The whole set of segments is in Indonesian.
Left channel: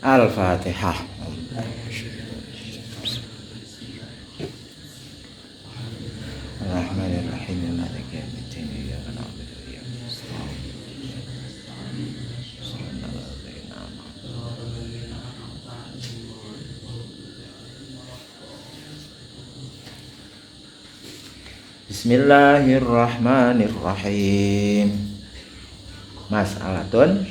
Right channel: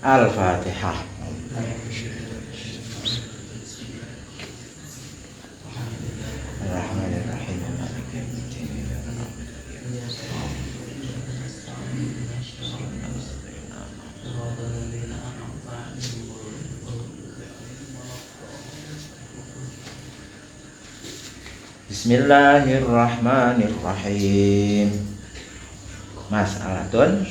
Al-Fatihah. Bismillahirrahmanirrahim. Maliki yaumiddin. Iyyaka na'budu wa iyyaka nasta'in. Bismillahirrahmanirrahim. Mas'alatun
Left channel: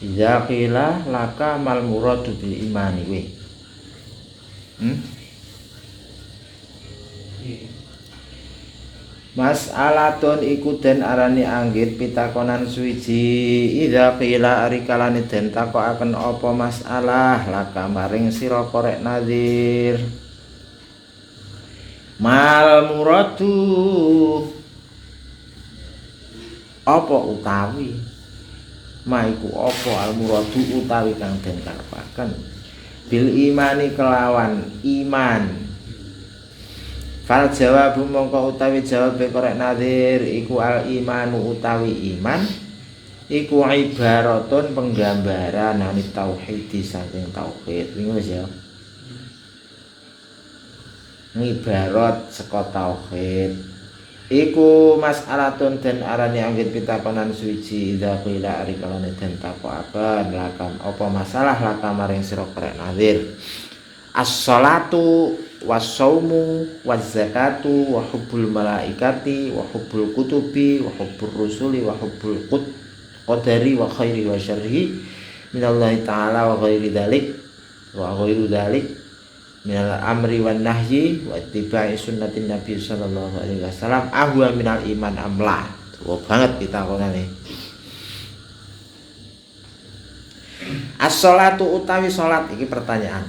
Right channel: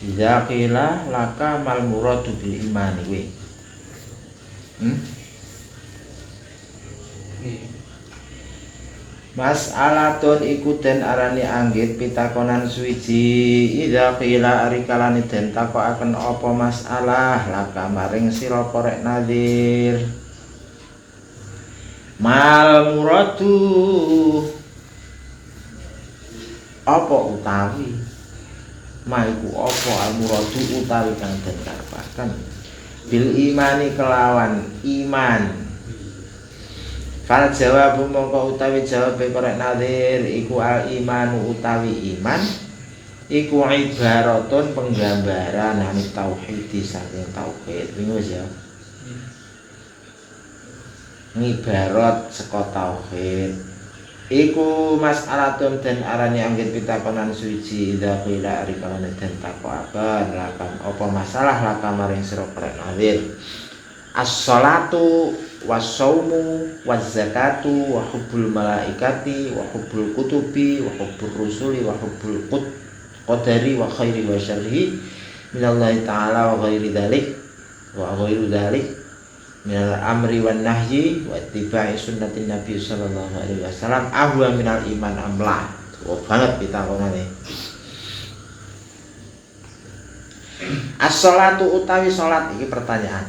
idza qila laka mal muradu bil imani we. Mas'alatun iku den arani anggit pitakonan suwiji idza qila ari kalane den takokaken apa masalah laka maring sira korek nazir. Mal muradu apa utawi maiku apa al muradu utawi kang den karepaken bil imani kelawan iman. Fal jawabu mongko utawi jawab korek nazir iku al imanu utawi iman iku ibaratun penggambaran anit tauhid saking tauhid. Wingi wis ya. Ngibarat saka tauhid iku mas'alatun den arani anggit pitakonan suci idza qila ari kalane den takokaken lakam apa masalah lakam maring sira korek nazir. As-shalatu was-shaumu waz-zakatu wa hubbul malaikati wa hubbul kutubi wa hubbur rusuli wa hubbul qadari wa khairi wa syarri minallahi ta'ala wa ghairi dzalik wa ghairu dzalik minal amri wan nahyi wa ittiba'i sunnatin nabi sallallahu alaihi wasallam ahwa minal iman amla. Wah banget kita konane. As-shalatu utawi salat iki pertanyaan.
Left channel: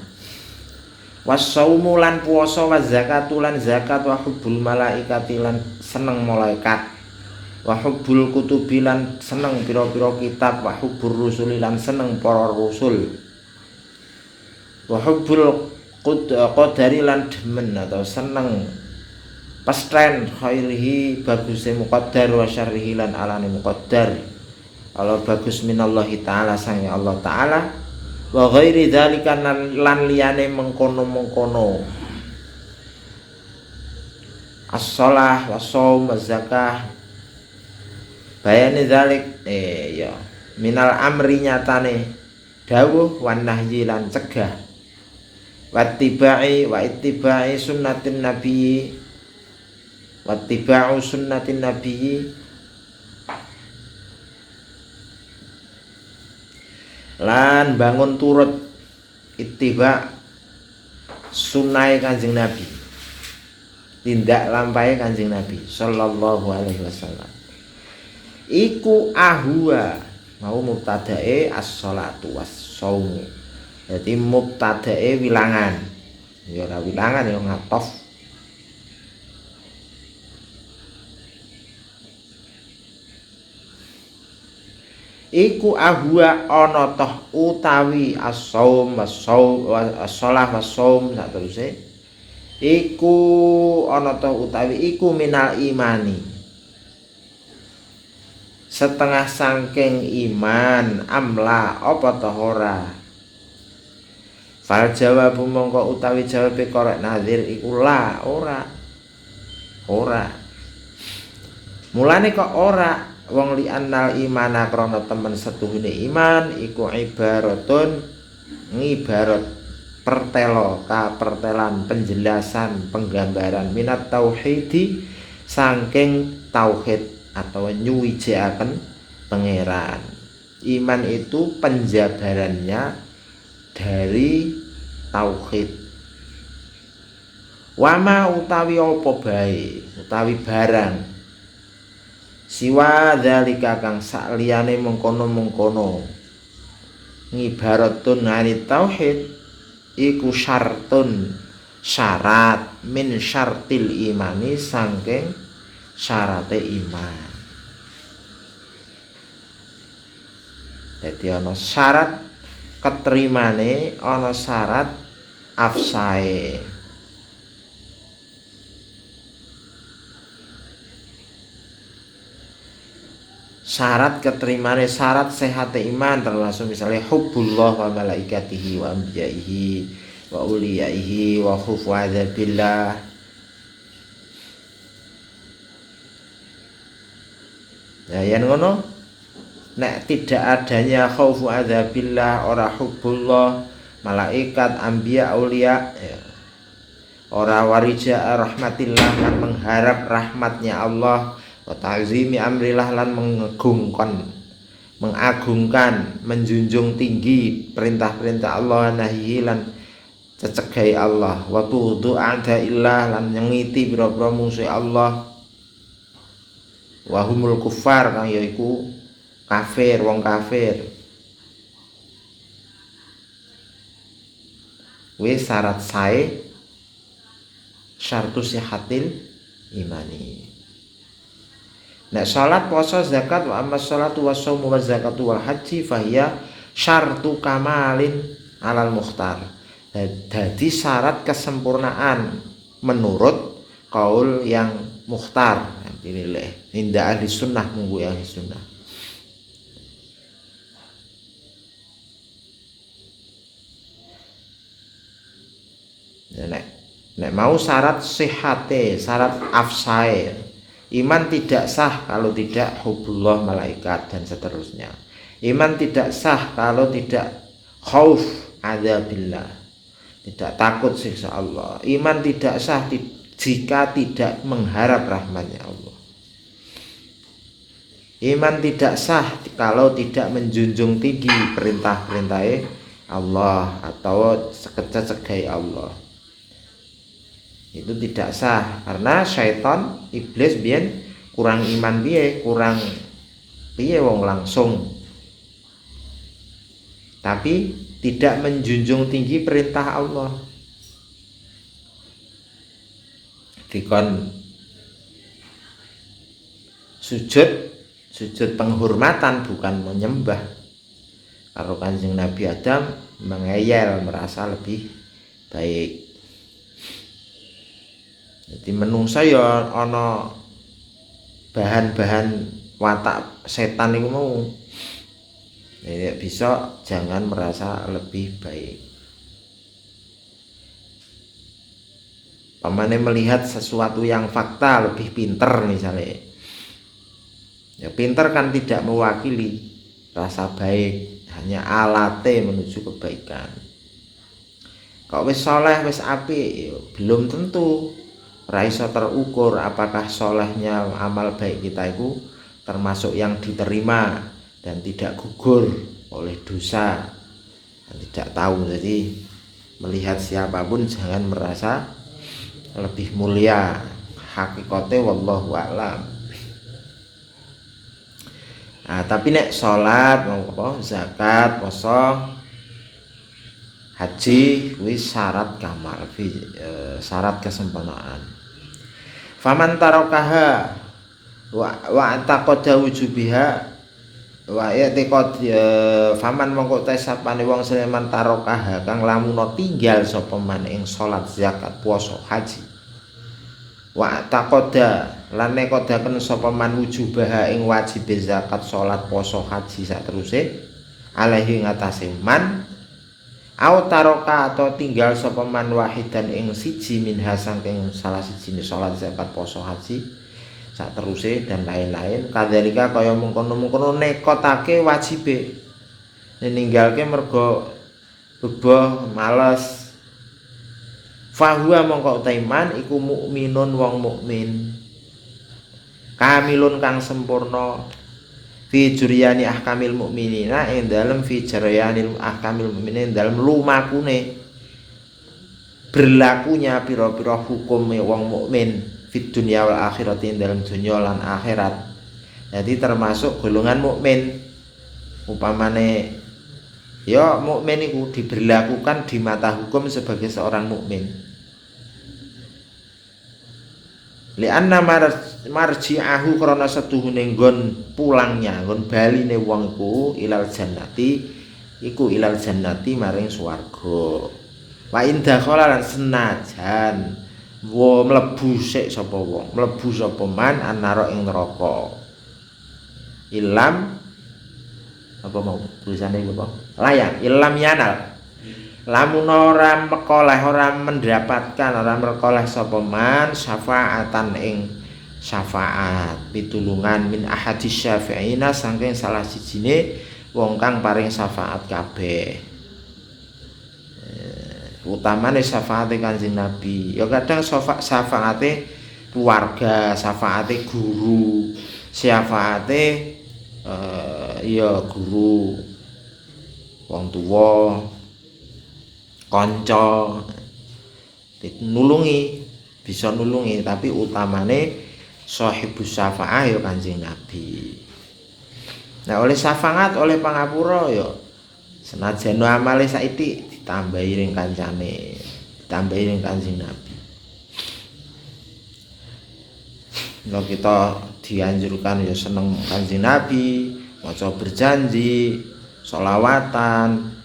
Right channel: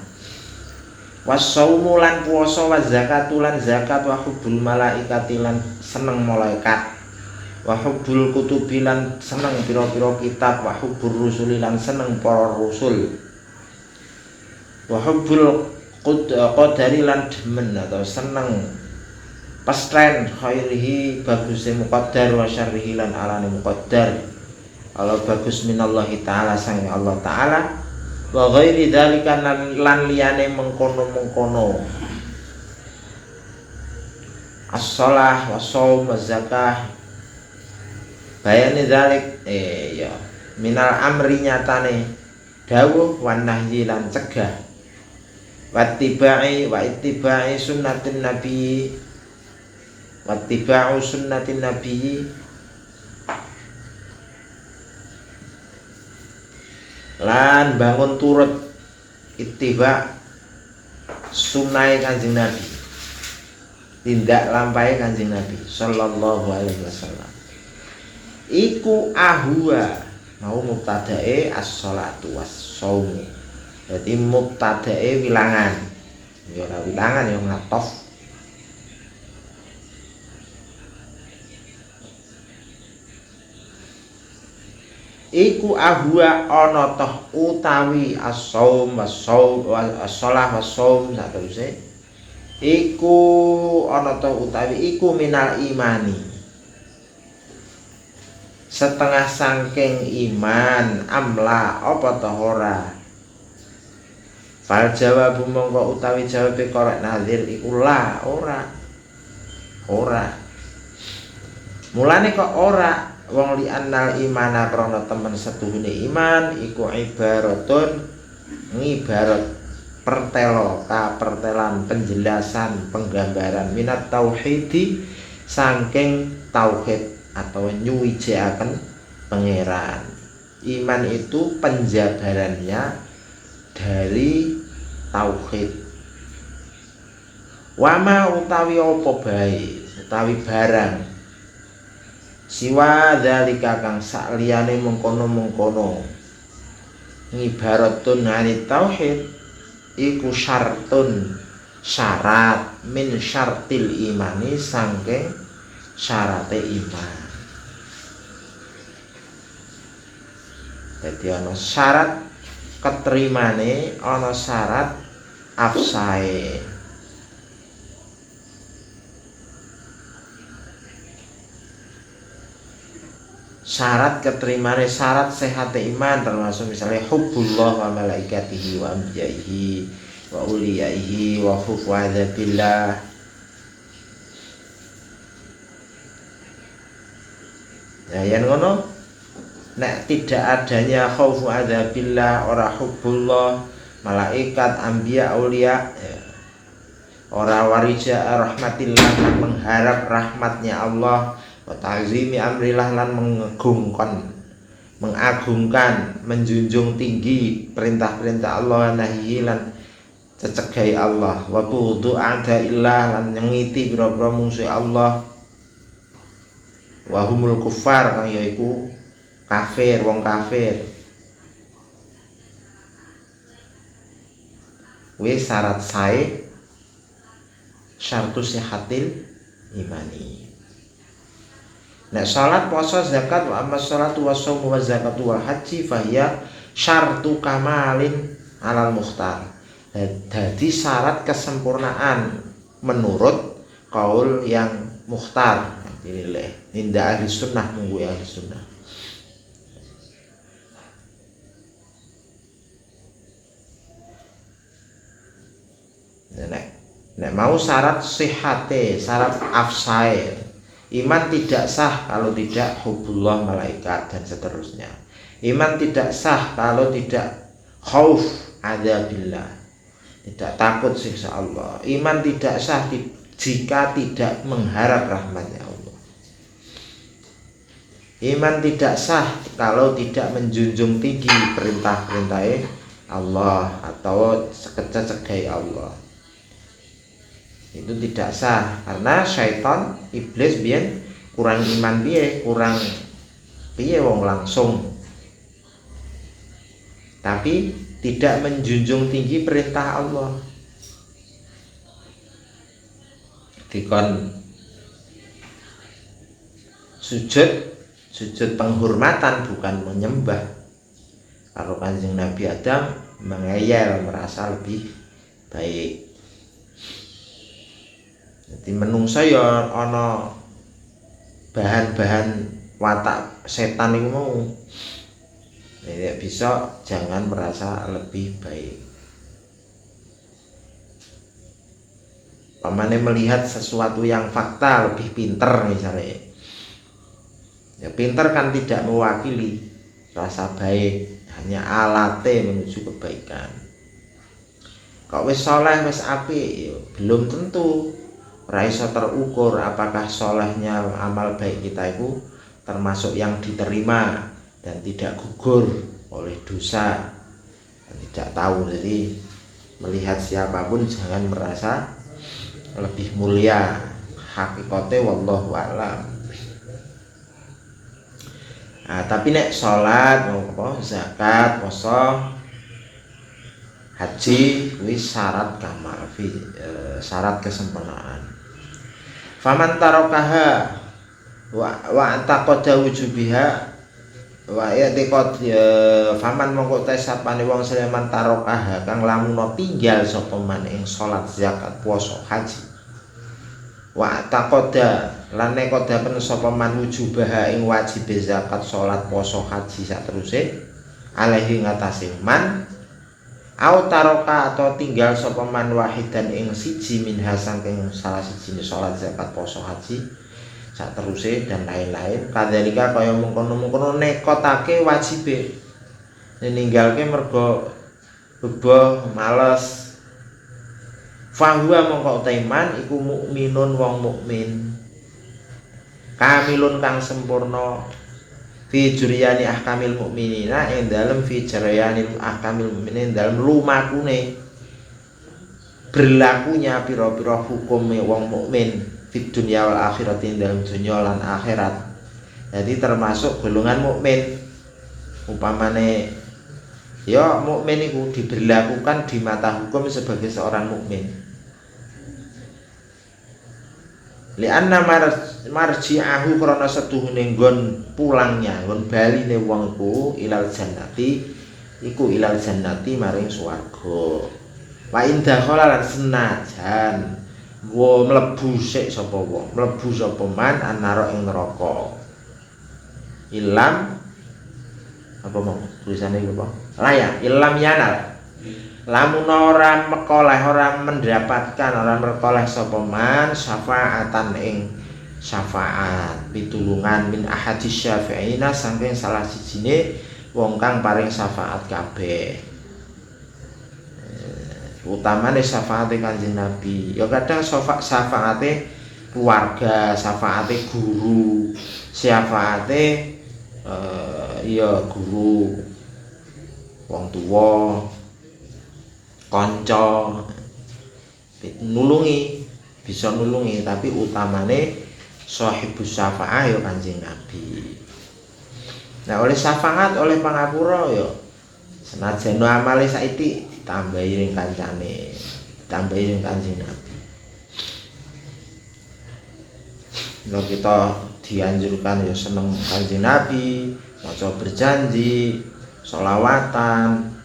Was-shaumu lan puasa wa zakatu lan zakat wa hubbul malaikati lan seneng malaikat wa hubbul kutubi lan seneng pira-pira kitab wa hubbur rusuli lan seneng para rasul wa hubbul qadari lan demen atau seneng pastren khairihi bagusé muqaddar wa syarrihi lan alane muqaddar. Kalau bagus minallahi ta'ala sang Allah ta'ala wa ghairi dzalika lan liyane mengkono-mengkono. As-shalah wa shaum wa zakah bayani dzalik ya minal amri nyatane dawuh wan nahyi lan cegah wa ittiba'i sunnatin nabi wattiba'u sunnatin nabi lan bangun turut ittiba sunai Kanjeng Nabi, tindak lampahe Kanjeng Nabi sallallahu alaihi wasallam. Iku ahwa mau mubtadae as-shalatu was-shaum. Jadi mubtadae wilangan. Ya ora wilangan ya ngatof. Iku ahwa ana toh utawi as-shaum was-shaum as-shalah was-shaum sateruse. Iku ana toh utawi iku minal imani. Setengah sangking iman amla apa toh ora. Fal jawabu mongko utawi jawabe korek nazir iku la ora. Mulane kok ora wong li annal imana krana temen setuhune iman iku ibaratun ngibarat pertelo pertelan penjelasan penggambaran minat tauhidi saking tauhid atau nyuwijikaken pangeran. Iman itu penjabarannya dari tauhid. Wama utawi apa bae utawi barang siwa dzalika kang sakliyane mengkono-mengkono ngibaratun ngani tauhid iku syartun syarat min syartil imani saking syarate iman. Jadi ana syarat keterimane, ana syarat afsae. syarat keterimane syarat sehat iman termasuk misalnya hubbullah wa malaikatihi wa anbiyaihi wa uliyaihi wa khufu adzabillah. Nah yang ngono nek tidak adanya khaufu adzabillah ora hubbullah malaikat anbiya aulia ya. Ora warija rahmatillah lan mengharap rahmatnya Allah wa ta'zimi amrillah lan mengagungkan menjunjung tinggi perintah-perintah Allah nahi lan cecegai Allah wa tudu a'daillah lan nyengiti biro-biro musuh Allah wa humul kufar kang yaiku kafir wong kafir. Wis syarat sae syartu sihatil imani. Nek salat puasa zakat wa amma salatu wa shaum wa zakatu wa haji fahiya syartu kamalin alal mukhtar. Jadi syarat kesempurnaan menurut kaul yang mukhtar dinilai indah ahli sunnah nunggu ahli sunnah. Nek mau syarat sihate, syarat afsae, iman tidak sah kalau tidak hubullah malaikat dan seterusnya. Iman tidak sah kalau tidak khauf adzabillah, tidak takut siksa Allah. Iman tidak sah jika tidak mengharap rahmatnya Allah. Iman tidak sah kalau tidak menjunjung tinggi perintah-perintah Allah atau cecegai Allah. Itu tidak sah karena syaitan iblis biyen kurang iman kurang wong langsung, tapi tidak menjunjung tinggi perintah Allah. Dikon sujud penghormatan bukan menyembah. Kalau Kanjeng Nabi Adam mengeyel merasa lebih baik. Jadi menungsa ya ana bahan-bahan watak setan itu mau. Jadi bisa jangan merasa lebih baik. Pamane melihat sesuatu yang fakta lebih pinter misalnya. Ya pinter kan tidak mewakili rasa baik, hanya alatnya menuju kebaikan. Kok wis saleh wis apik belum tentu. Raisa terukur apakah solehnya amal baik kita itu termasuk yang diterima dan tidak gugur oleh dosa. Tidak tahu, jadi melihat siapapun jangan merasa lebih mulia. Hakikate wallahu a'lam. Nah, tapi nek salat, zakat, puasa, haji wis syarat kamal, syarat kesempurnaan. Faman tarokaha wa antaqada wujubiha wa yatiqad faman mongko tesapane wong sleman tarokaha kang lamun tinggal sapa man ing salat zakat puasa haji wa taqada lan nekodaken sapa man wujubaha ing wajib zakat salat puasa haji sateruse alaihi ngatasé man au taroka atau tinggal sapa man wahidan ing siji min saking salah siji salat zakat poso haji sak teruse dan lain-lain kadzalika kaya mengkono-mengkono nekotake wajibe ninggalke mergo bebah males fahuwa mongko taiman iku mukminun wong mukmin kamilun kang sempurna fi juryani ahkamil mukminina ing dalem fi juryani ahkamil mukminin dalem lumakune berlakunya pira-pira hukume wong mukmin fi dunya wal akhirati dalem dunya lan akhirat. Jadi termasuk golongan mukmin upamane ya mukmin iku diberlakukan di mata hukum sebagai seorang mukmin. Lianna marji'ahu krana setuhune nggon pulangnya nggon baline wong ku ilal jannati iku ilal jannati maring swarga wa indakhala lan senajan wa mlebu sik sapa wong mlebu sapa man annara ing neraka Ilam apa mau tulisannya apa? Layak ilam yanal. Lamun ora mekoleh, ora mendapatkan, ora mekoleh sapa man syafaatan ing syafaat pitulungan min ahadis syafi'ina saking salah sijine wong kang paring syafaat kabeh. Utamane syafaate Kanjeng Nabi. Ya kadang syafaate keluarga, syafaate guru, syafaate ya guru, wong tuwa, kanca nulungi, bisa nulungi, tapi utamane sahibus syafaah ya Kanjeng Nabi. Nah, oleh syafaat, oleh pangapura ya senajan amale saiki ditambahi ring kancane, ditambahi ring Kanjeng Nabi. Nah, kita dianjurkan ya seneng Kanjeng Nabi, maca berjanji, sholawatan,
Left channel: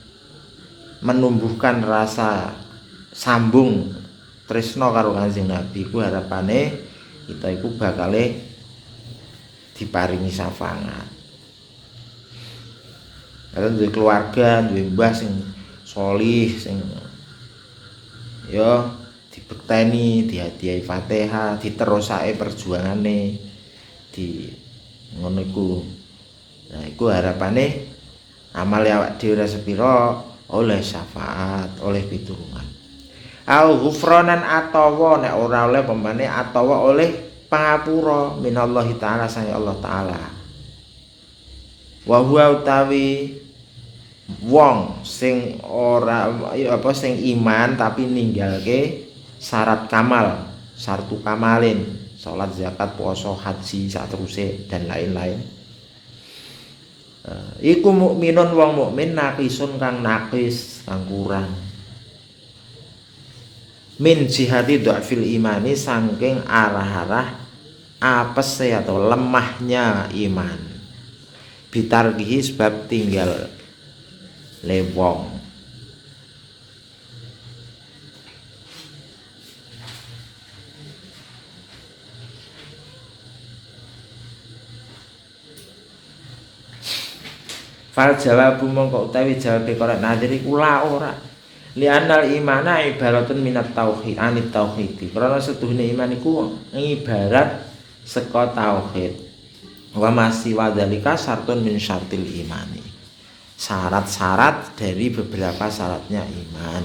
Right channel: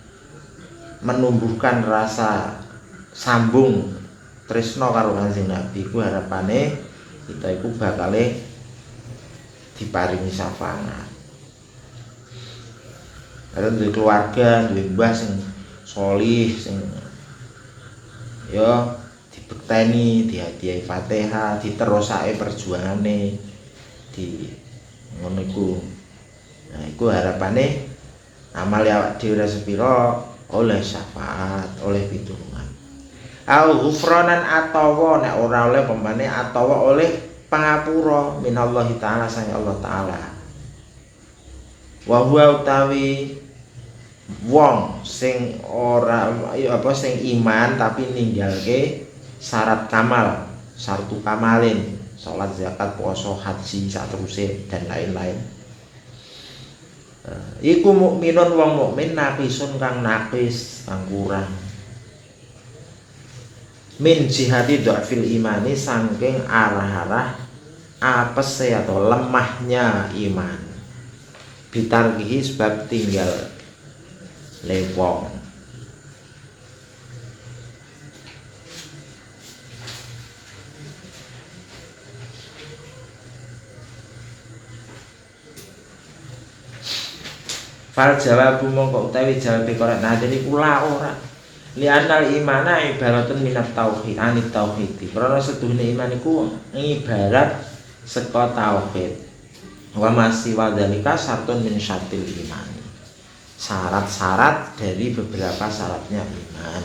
menumbuhkan rasa sambung tresno karo Kanjeng Nabi. Ku harapane kita iku bakale diparingi syafaat. Karena duwe keluarga, duwe mbah sing sholih, sing ya dibekteni, dihadiahi Fatihah, diterusake perjuangane di ngono iku. Nah, iku harapane amal awak dhewe ora sepira oleh syafaat, oleh pitulungan. Au ghufranan atawa nek ora oleh pembane atawa oleh pangapura minallahi taala sang Allah taala. Wa huwa utawi wong sing ora apa sing iman tapi ninggalke syarat kamal, syartu kamalin, salat, zakat, puasa, haji, saterusé dan lain-lain. Iku mukminun wong mukmin naqisun kang naqis, kang kurang. Min jihati dhafil imani saking arah-arah apese atau lemahnya iman. Bitargihi sebab tinggal lewong. Fal jawabu mongko utawi jawabe korek nadir iku la ora. Li anal imana ibaratun minat tauhid, anit tauhid. Karena setuhune iman iku ibarat saka tauhid. Wa masih wadhalika syartun min syartil imani. Syarat-syarat dari beberapa syaratnya iman.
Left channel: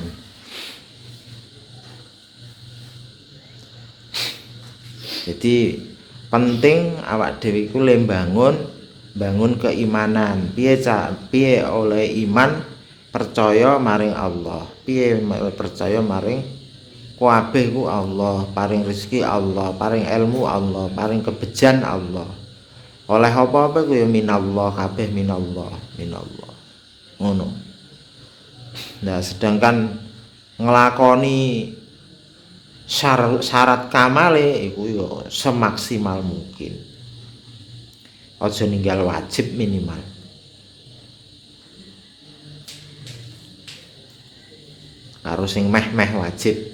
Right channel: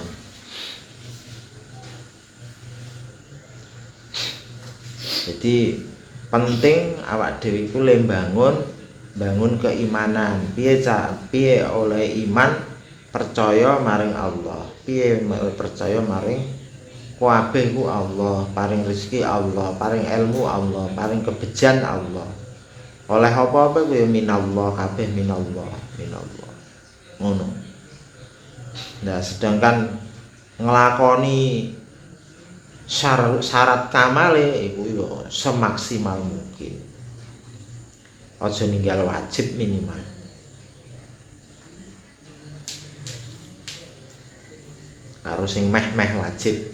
Jadi penting awak dhewe iku le bangun keimanan. Piye oleh iman percaya maring Allah. Piye percaya maring kabeh ku Allah, paring rezeki Allah, paring ilmu Allah, paring kebejan Allah. Oleh apa-apa ku ya minallah, kabeh minallah. Ngono. Nah, sedangkan nglakoni syarat kamale iku ya semaksimal mungkin. Aja ninggal wajib minimal. Karo sing meh-meh wajib.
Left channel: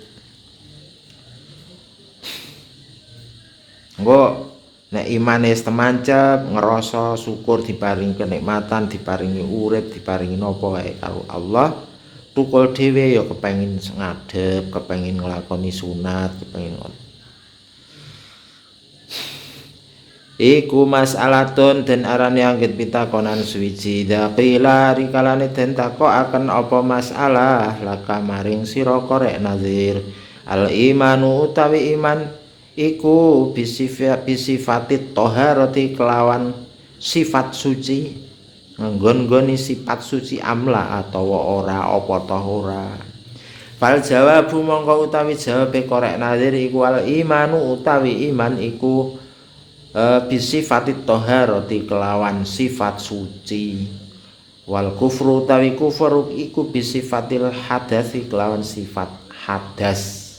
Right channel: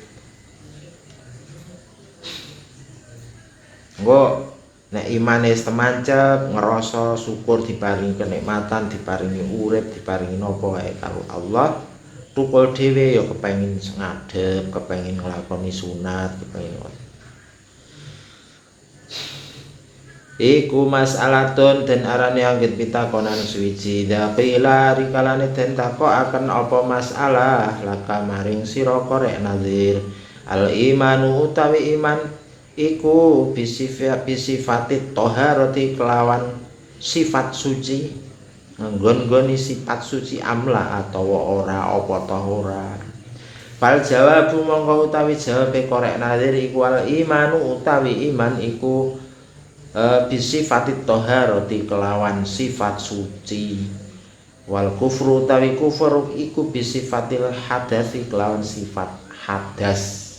Engko nek imane temancep, ngerasa syukur diparingi kenikmatan, diparingi urip, diparingi napa wae karo Allah, tukul dhewe ya kepengin ngadeg, kepengin nglakoni sunat, kepengin iku mas'alatun den arane anggit pitakonan suwiji daqila rikalane den takokaken apa masalah laka maring sira korek nazir al imanu utawi iman iku bisifatit toharati kelawan sifat suci nggon-nggoni sifat suci amla atawa ora apa toh ora. Fal jawabu mongko utawi jawabe korek nazir iku al imanu utawi iman iku bisifatit toharati kelawan sifat suci. Wal kufru utawi kufur iku bisifatil hadasi kelawan sifat hadas,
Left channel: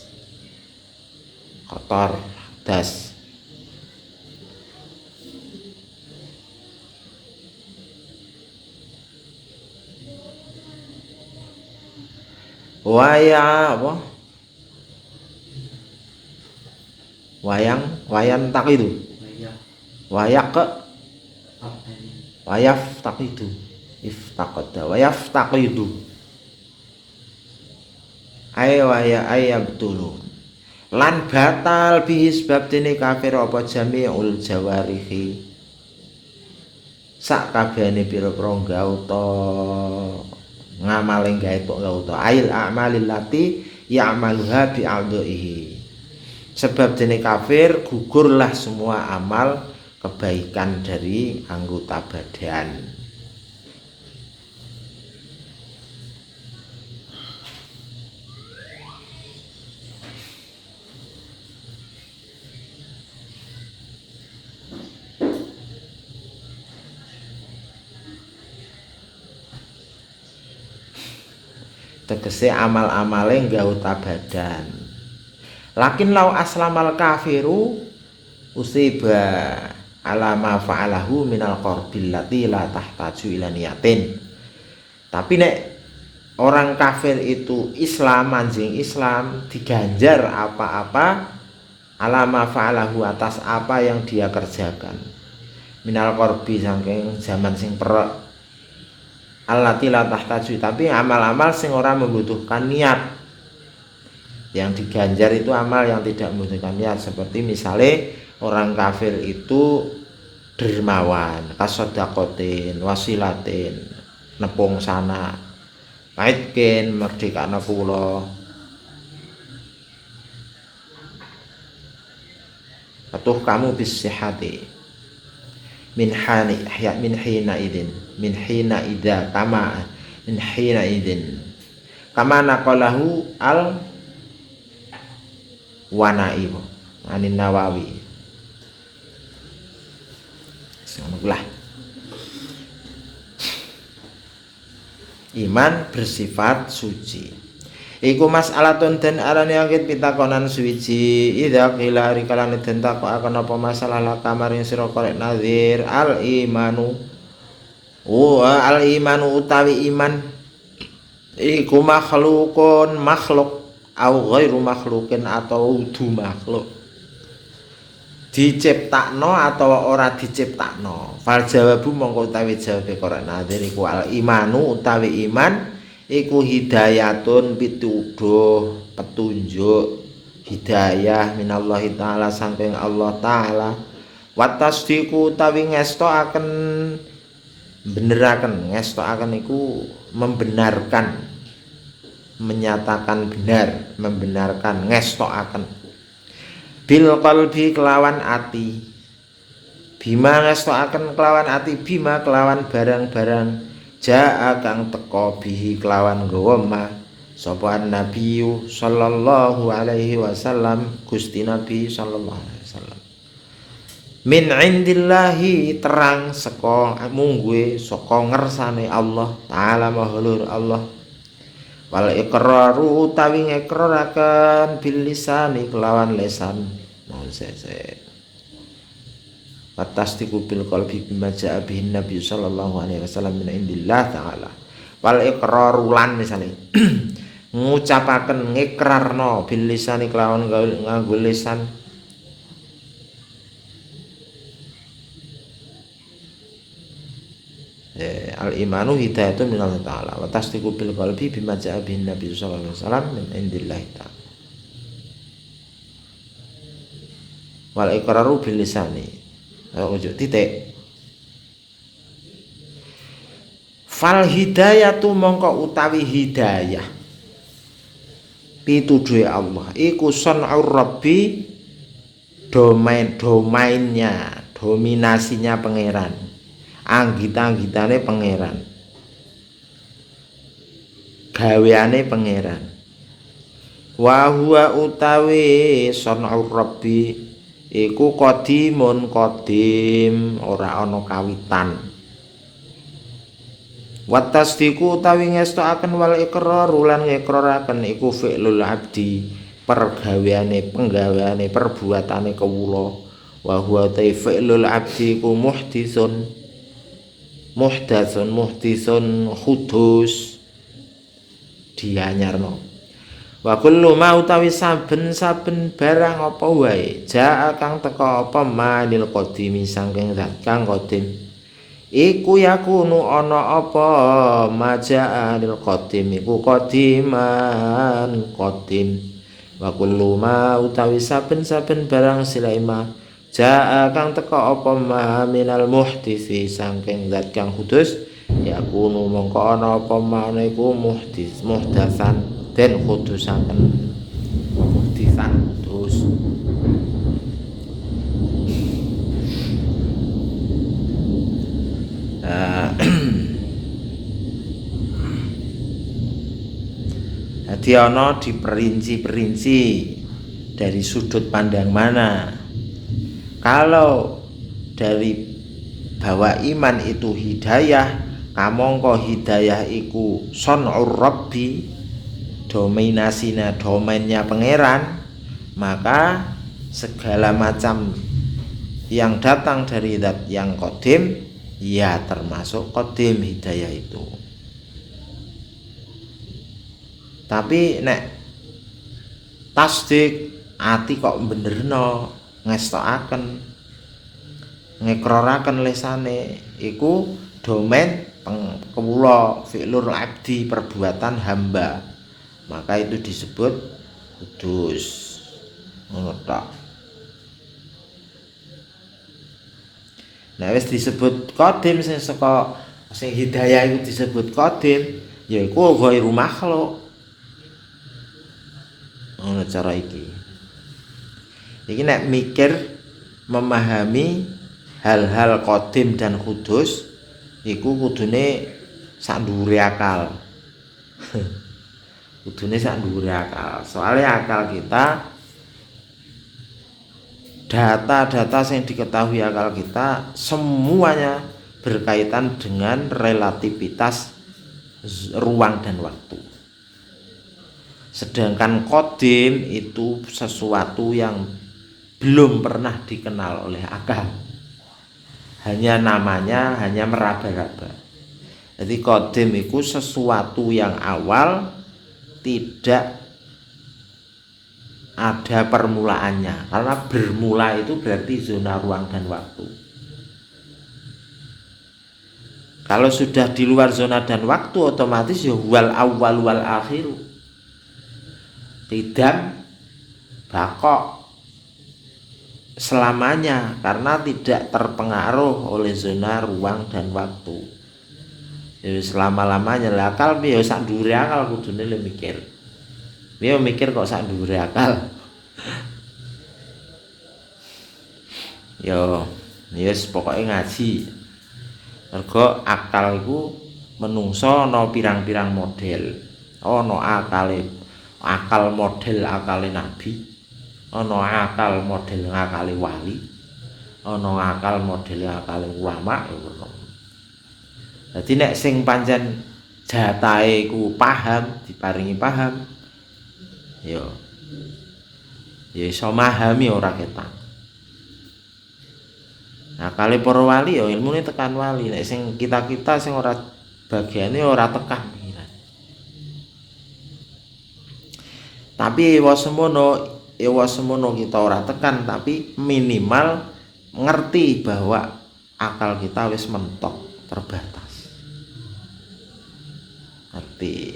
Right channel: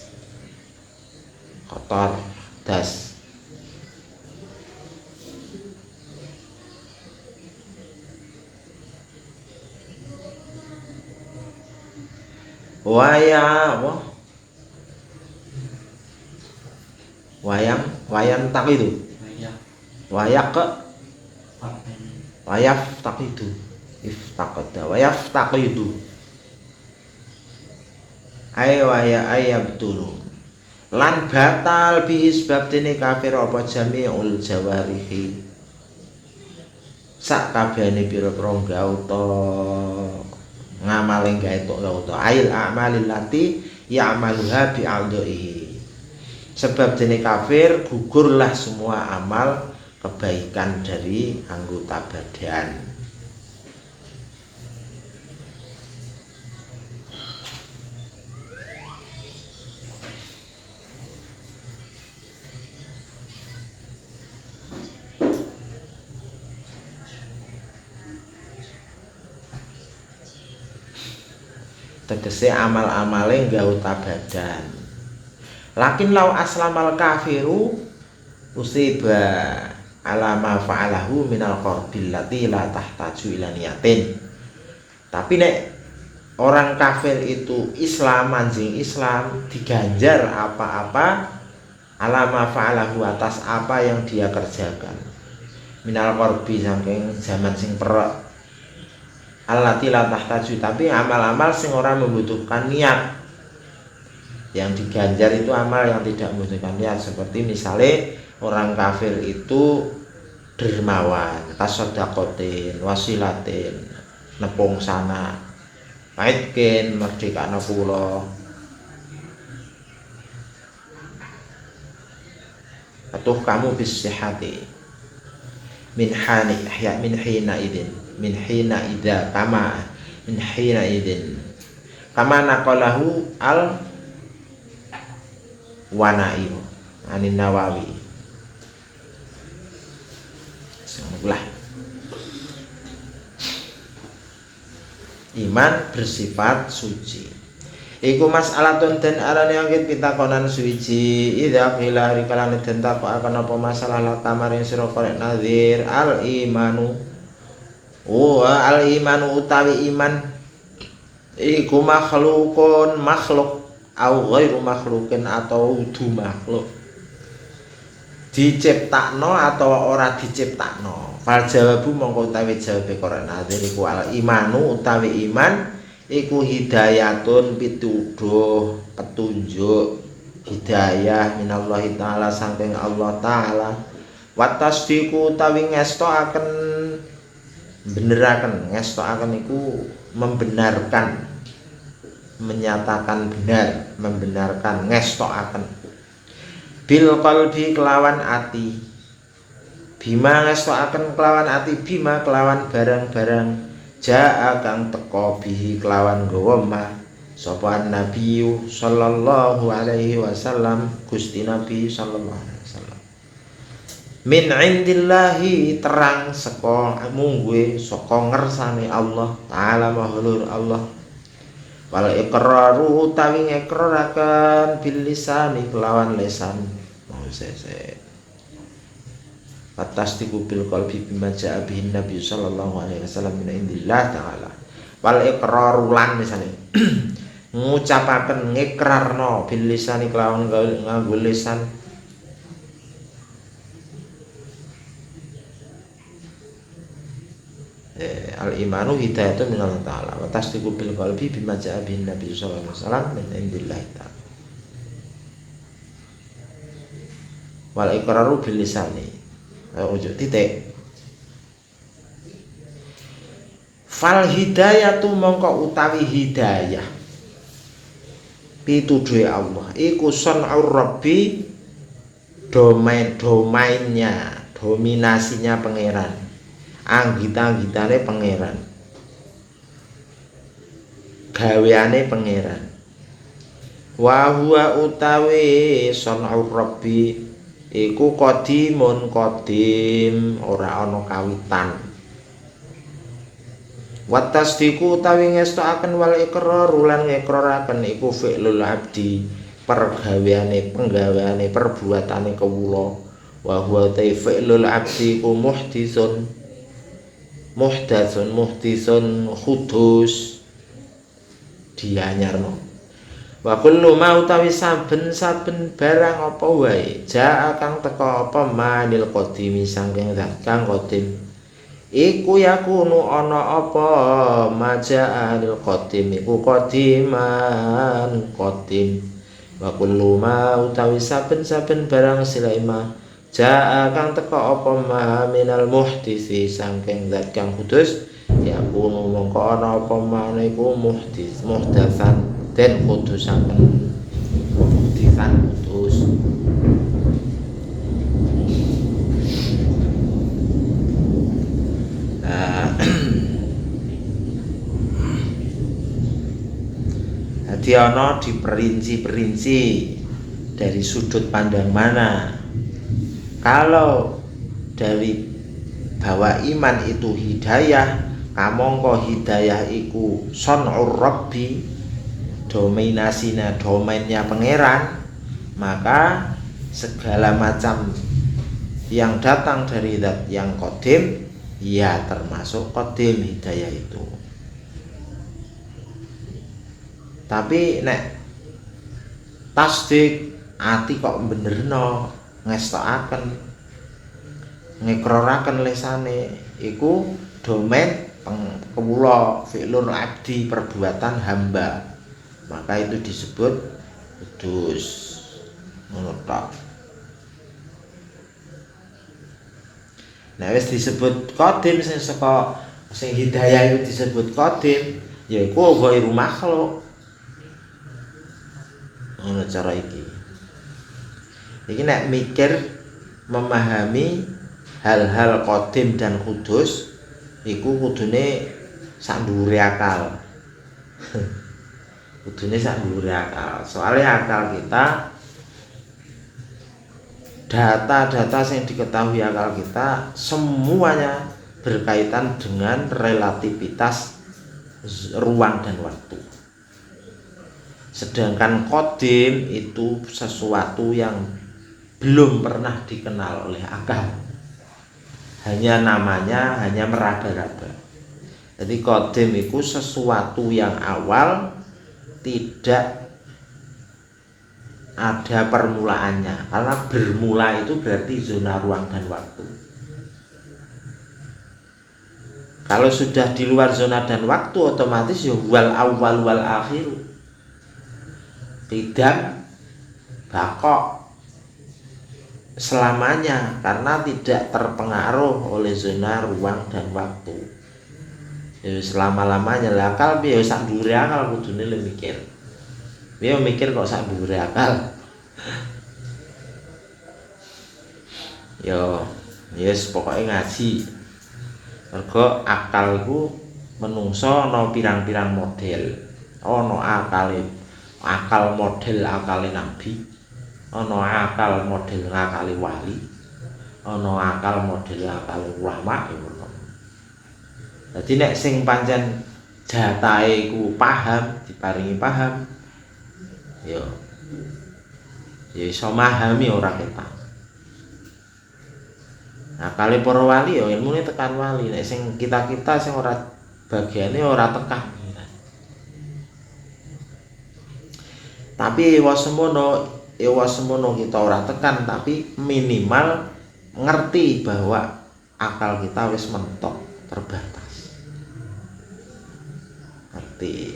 kotor, das. Wayang tak itu wayak ke Wayaftaqidu iftaqada wayaftaqidu waya ayabtulu lan batal bihi sebab dene kafir apa jami'ul jawarihi sak kabehane pira-pira gauta ngamale gauta ail a'malil lati ya'maluha bi'adhihi sebab dene kafir gugurlah semua amal kebaikan dari anggota badan. Tegese amal-amale nggauta badan. Lakin lau aslamal kafiru usiba alama fa'alahu minal qarbil lati la tahtaju ila niyatin. Tapi nek orang kafir itu Islam anjing Islam diganjar apa-apa alama fa'alahu atas apa yang dia kerjakan. Minal qarbi saking zaman sing perek allati la tahtaju tapi amal-amal sing ora membutuhkan niat. Yang diganjar itu amal yang tidak membutuhkan niat seperti misalnya orang kafir itu dermawan, tasodakotin, wasilatin, nepung sana, kaitkin, merdeka pulau, atau kamu bisihati, min hina idin, kama naqalahu al wanaim anin Nawawi. Bismillah. Iman bersifat suci. Iku mas'alatun den arane angin pitakonan suci. Idza qila rikalan den takokaken apa masalah la kamarin sira korek nazir al imanu. Al imanu utawi iman iku makhlukun makhluk au ghairu makhlukin atau udu makhluk. Diciptakno atau ora diciptakno. Fal jawabu mongko utawi jawabe Quran nazir iku al imanu utawi iman iku hidayatun pituduh petunjuk hidayah minallahi taala saking Allah taala wa tasdiqu utawi ngestoaken beneraken ngestoaken iku membenarkan menyatakan benar membenarkan ngestoaken bil qalbi kelawan ati bima ngestoaken kelawan ati bima kelawan barang-barang jaa kang teka bihi kelawan gawa ma sapa nabi sallallahu alaihi wasallam Gusti Nabi sallallahu alaihi wasallam min indillahi terang saka mungguhe saka ngersane Allah taala mahulur Allah wal iqraru utawi ngekraraken bil lisani kelawan lisan tasdiqu bil qalbi bima jaa bihi nabi sallallahu alaihi wasallam min indillah taala wal iqraru lan misale ngucapaken ngikrarno bil lisani kelawan nganggo lisan al imanu hidayatun min Allah taala wa tasdiqu bil qalbi bima jaa bihi nabi sallallahu alaihi wasallam min indillah taala wal iqraru bil lisani ojo titik fal hidayatu mongko utawi hidayah pituduhe Allah iku sun'ur rabbi domainnya dominasinya pangeran anggita-anggitane pangeran gaweane pangeran wa huwa utawi sun'ur rabbi iku qadimun qadim ora ana kawitan wa tasdiqu utawi ngestakaken wal iqrar lan ngikraraken iku fi'lul abdi pergaweane penggaweane perbuatane kawula wa huwa fi'lul abdi ku muhdatsun khudus dianyarno wa kullu ma utawi saben-saben barang apa wae jaa kang teka apa manil qadimi saking zat kang qadim iku yakunu ana apa maja'al qadim iku qadiman qadim wa kullu ma utawi saben-saben barang silaima ja'a kang teka apa ma minal muhdisi saking zat kang kudus yakunu mongko ana apa ma iku muhdasan den kudusaken muhdisan kudus. Jadi ana diperinci-perinci dari sudut pandang mana. Kalau dari bahwa iman itu hidayah, kamangka hidayah iku son'ur rabbi, dominasinya domainnya pangeran, maka segala macam yang datang dari zat yang qadim ya termasuk qadim hidayah itu. Tapi nek tasdik ati kok benerno ngestokaken ngekroraken lesane iku domain kawula fi'lul abdi perbuatan hamba, maka itu disebut kudus ngono tok. Nah wis disebut qadim sing saka sing hidayah itu disebut qadim yaiku ghairu makhluk. Ngono cara iki. Iki nek mikir memahami hal-hal qadim dan kudus iku kudune sak dhuwure akal. Kudune sak dhuwure akal. Soalnya akal kita data-data yang diketahui akal kita semuanya berkaitan dengan relativitas ruang dan waktu. Sedangkan qadim itu sesuatu yang belum pernah dikenal oleh akal. Hanya namanya, hanya meraba-raba. Jadi qadim itu sesuatu yang awal, tidak ada permulaannya. Karena bermula itu berarti zona ruang dan waktu. Kalau sudah di luar zona dan waktu, otomatis ya wal awal wal akhir. Tidak bakok selamanya karena tidak terpengaruh oleh zona ruang dan waktu. Ya selama-lamanya lah akal piye sak dhuwure akal kudune lu mikir. Dia mikir kok sak dhuwure akal. Yo, yes pokoke ngaji. Mergo akal iku menungso ana pirang-pirang model. Ana akal model akale nabi, ana akal model akale wali, ana akal model akale ulama. Dadi nek sing pancen jatahe iku paham, diparingi paham, ya iso memahami ora ketak. Nah, kali para wali ya ilmune tekan wali, nek sing kita-kita sing ora bagiane ora tekan. Tapi wasemono kita ora tekan, tapi minimal ngerti bahwa akal kita wis mentok terbatas. Ngerti.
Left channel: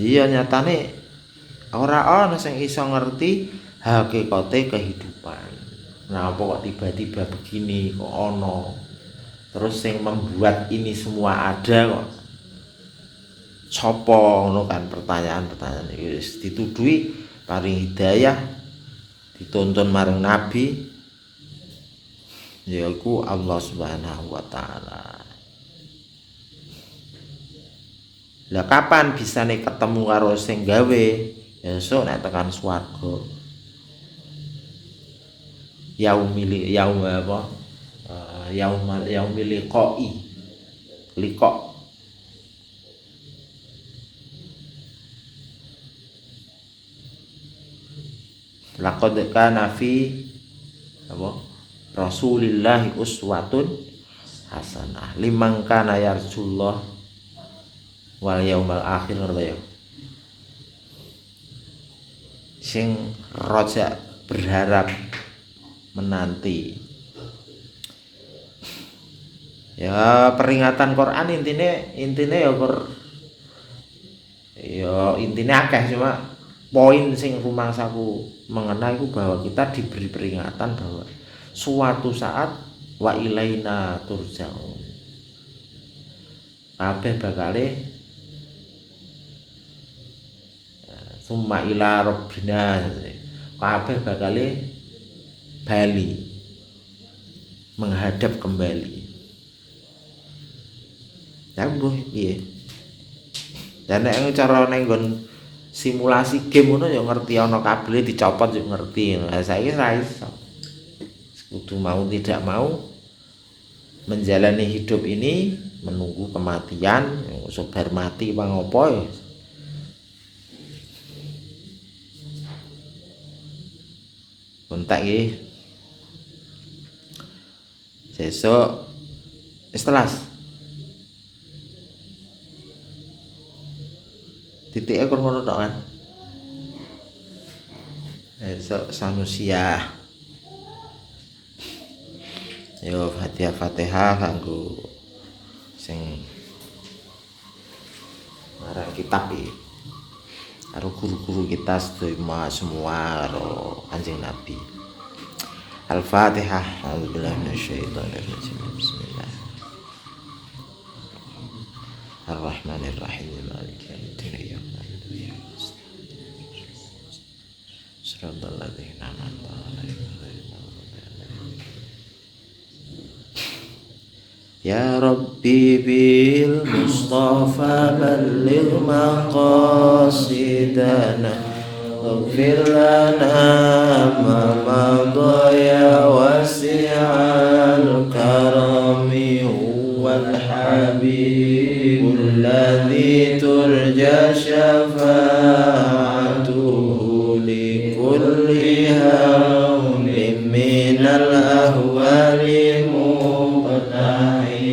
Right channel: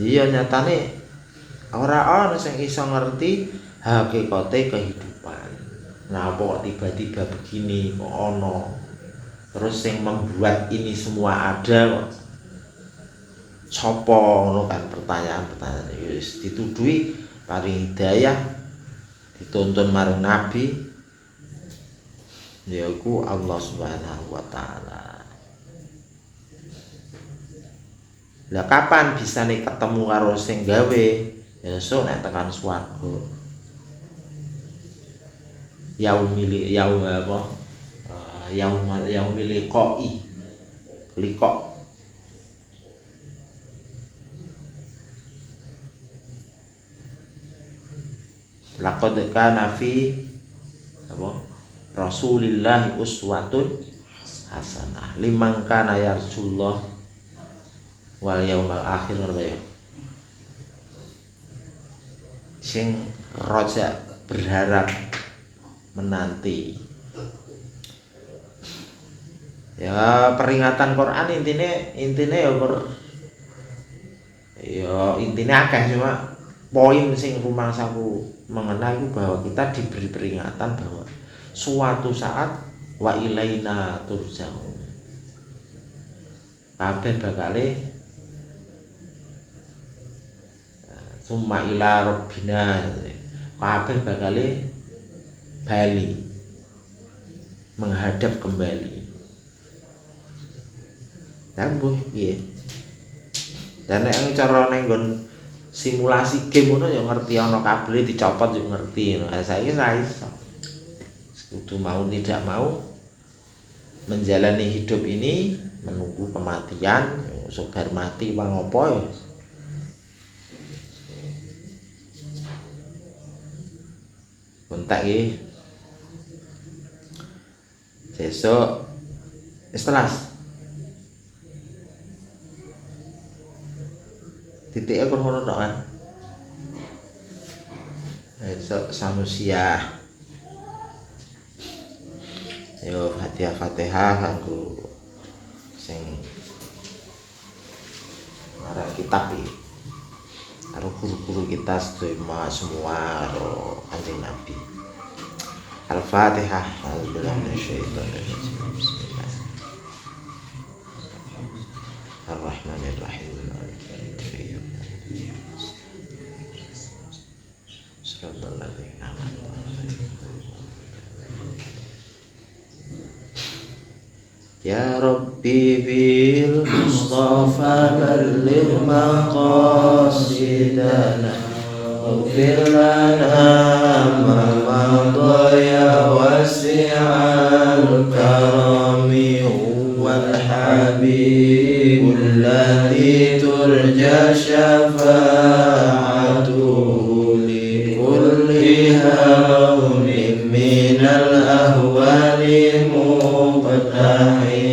Iya nyatane ora ana sing iso ngerti hakikate kehidupan. Nah, kok tiba-tiba begini kok ono. Terus yang membuat ini semua ada kok sopo ngono kan pertanyaan-pertanyaan wis dituduhi paring hidayah dituntun marang nabi yaiku Allah Subhanahu wa taala. Lah kapan bisane ketemu karo sing gawe? Besok nek tekan swarga. Yaumil liqa. Laqad kana fi Rasulillah uswatun hasanah liman kana yarjullah wal yaumal akhir ya. Sing roja berharap menanti Ya peringatan Quran intine ya intine akeh, cuma poin sing rumangsaku mengena iku bahwa kita diberi peringatan bahwa suatu saat wa ilaina turja'un. Kabeh bakale summa ila rabbina, kabeh bakale bali menghadap kembali. Nyambung piye? Dan nek cara ning nggon simulasi game ngono ya ngerti ana kabel dicopot yo ngerti. Lah saiki ra iso. Kudu mau tidak mau menjalani hidup ini, menunggu kematian, sabar mati bang apa ya. Kontak iki. Sesuk istilas. Titiknya kurang tok kan. Esok sanusia. Yo Fatihah kanggo sing arah kitab iki. Karo guru-guru kita semua karo Kanjeng Nabi. Al-Fatihah. A'udzubillahi minasyaitonirrajim. Bismillah. Ar-Rahmanir-Rahim. Ya Rabbi bil Mustafa balligh maqasidana waghfir lana ma madaya wasi'al karami wal habibul ladzi turja syafa'atuhu li kulli hawmin minal ahwali muqtahim.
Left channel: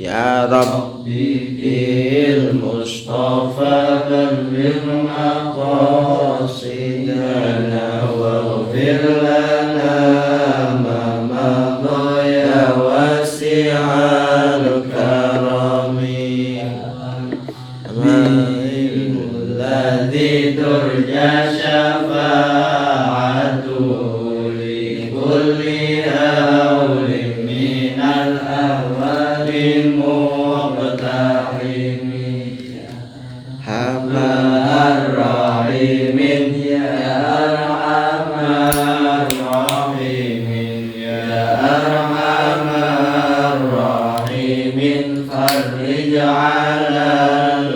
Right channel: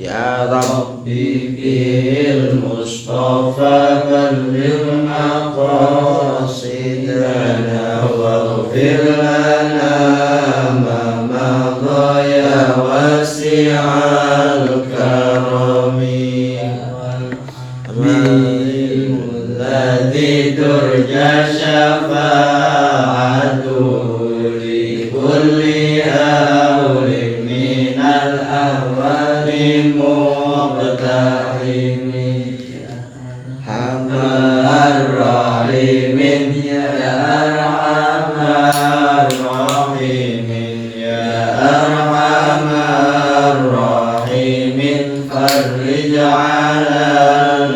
Ya Rabbi bil Mustafa balligh maqasidana waghfir lana ma madaya wasi'al karami habibul ladzi turja syafa'atuhu li kulli hawlin minal ahwali muqtahimi hamar rahimin ya arhamar rahimin ya arhamar rahimin farij 'alal